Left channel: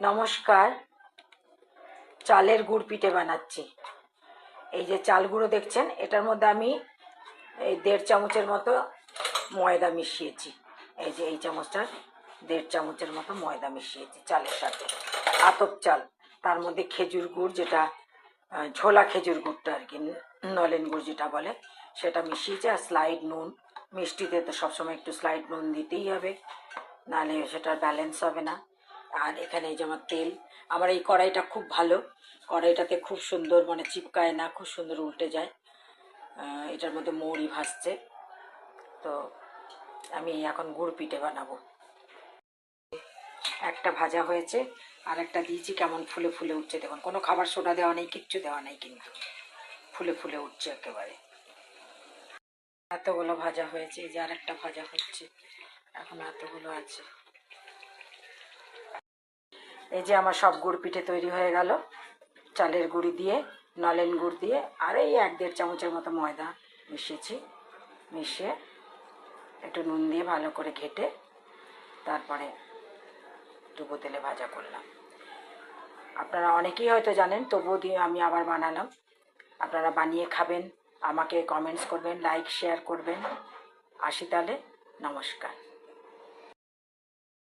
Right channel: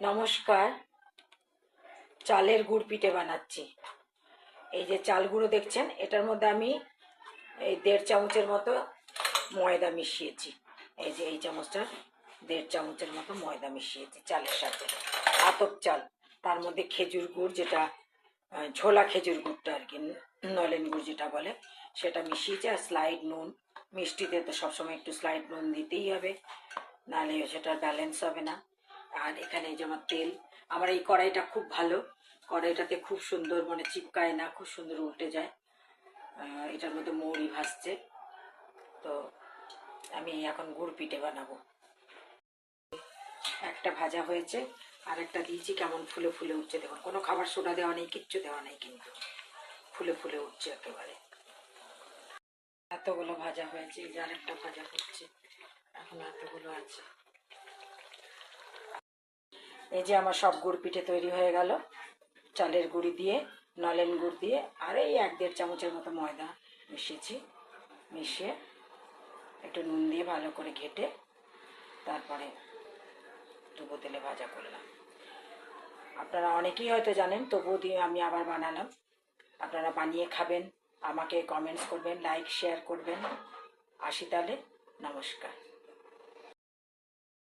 নমস্কার। চালের গুড় পিঠে বানাচ্ছি। এই যে চাল গুঁড়ো দেখছেন, এটার মধ্যে আমি এই 1.5 চামচের মতো ময়দা মিশিয়েছি। এই যে এই চামচটার 1.5 চামচের মতো ময়দা মিশিয়েছি চালের সাথে। আতপ চাল, তার মধ্যে খেজুর গুড়, যেটা ঝোলা খেজুর গুড়টা আর কি, নলেন গুড় যেটা বলে, সেটা মিশিয়েছি। আর স্লাইড নুন, মিষ্টিতে তো সবসময় একটু স্লাইড নুন দিতেই হবে, নাহলে সেটার ব্যালেন্স হবে না। আর এখানে এই যে আমার তেল, আমার এই কড়াইটা খুব ভালো, কড়াইটাতে খুব সুন্দর মানে চিপকায় না, খুব সুন্দর উল্টে যায়। এটার মধ্যে মৌরি ভাসছে। তো আমি এখন গুড় পিঠে বানাবো। একটা ভাজা হয়েছে, আর একটা দিয়েছি, কেমন ফুলে ফুলে উঠছে দেখুন। কোনো খাবার সোডা দেওয়া নেই, কিচ্ছু দেওয়া নেই, কিন্তু ফুলে ফুলে উঠছে একেবারে। এতগুলো ভাজা হয়েছে, এই যে আর একটা ভাজা হচ্ছে, এখন এতগুলো আছে। এই যে আমার সব গুড় পিঠে তৈরি হয়ে গেল, চালের গুঁড়ি দিয়ে, নলেন গুড় দিয়ে, আর এই 1-1.5 চামচের মতো ময়দা মিশিয়েছি। মিশিয়ে একটু নুন দিয়ে ভালো করে ঘেটে তারপরে ডুবো তেলে ভাজা করলাম। আপনারা অনেকেই হয়তো জানেন, তবুও দিয়ে আমি আবার বানালাম। আপনারা বানিয়ে খাবেন, আমাকে কমেন্টস করবেন, লাইক শেয়ার করবেন। আসি তাহলে, নমস্কার।